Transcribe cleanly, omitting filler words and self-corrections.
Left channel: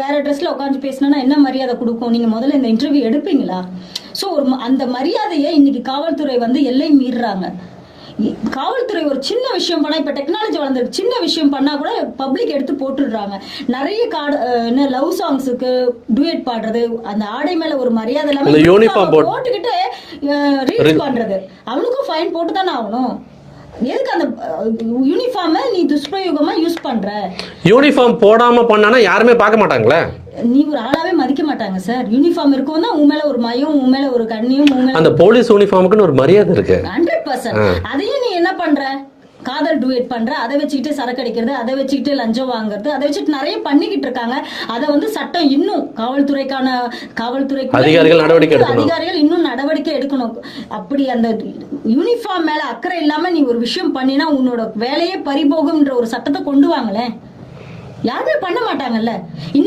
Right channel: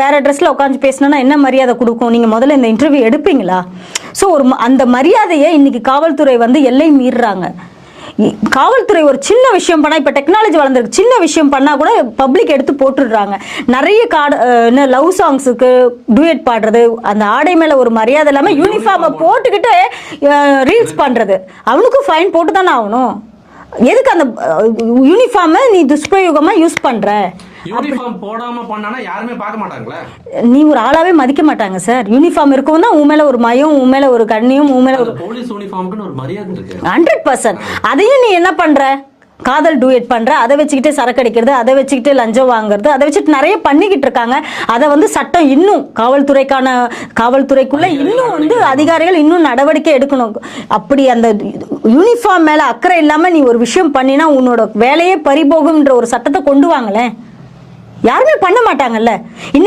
வேற ட்ரெஸ்ல உட்காந்து பேசினா என்ன மரியாதை கொடுக்கும்? நீங்க முதல்ல இந்த இன்டர்வியூ எடுப்பீங்களா? ஸோ அந்த மரியாதையை இன்னைக்கு காவல்துறை வந்து எல்லை மீறுறாங்க. காவல்துறை ஒரு சின்ன விஷயம் பண்ணா, இப்ப டெக்னாலஜி வளர்ந்துருக்கு, சின்ன விஷயம் பண்ணா கூட பப்ளிக் எடுத்து போட்டுடுறாங்க. நிறைய லவ் சாங்ஸுக்கு டூயட் பாடுறது, அந்த ஆடை மேல ஒரு மரியாதை இல்லாம யூனிஃபார்ம் போட்டுக்கிட்டு ரீல்ஸ் பண்றது, அவனுக்கும் ஃபைன் போட்டு தானே ஆகணும். எதுக்கு அந்த யூனிஃபார்மை நீ துஷ்பிரயோகமா யூஸ் பண்ற? யூனிஃபார்ம் போடாம பண்ணானா யாருமே பார்க்க மாட்டாங்களே. நீ ஒரு ஆளாவே மதிக்க மாட்டாங்க சார். யூனிஃபார்ம் இருக்கும் தான் உன் மேல ஒரு மயம், உன் மேல ஒரு கண்ணியும், உன் மேல அந்த போலீஸ் யூனிஃபார்முக்குன்னு ஒரு மரியாதை இருக்கு 100%. அதையும் நீ என்ன பண்ற? காதல் டூயட் பண்ற, அதை வச்சுக்கிட்டு சரக்கு அடிக்கிறது, அதை வச்சுக்கிட்டு லஞ்சம் வாங்குறது, அதை வச்சுட்டு நிறைய பண்ணிக்கிட்டு இருக்காங்க. அதை வந்து சட்டம் இன்னும் காவல்துறைக்குள்ள அதிகாரிகள் இன்னும் நடவடிக்கை எடுக்கணும். அப்படி அந்த யூனிஃபார்ம் மேல அக்கறை இல்லாம நீ ஒரு விஷயம் பண்ணினா உன்னோட வேலையே பறிபோகும்ன்ற ஒரு சட்டத்தை கொண்டு வாங்களேன். யாருமே பண்ண மாட்டாங்கல்ல. இன்னைக்கு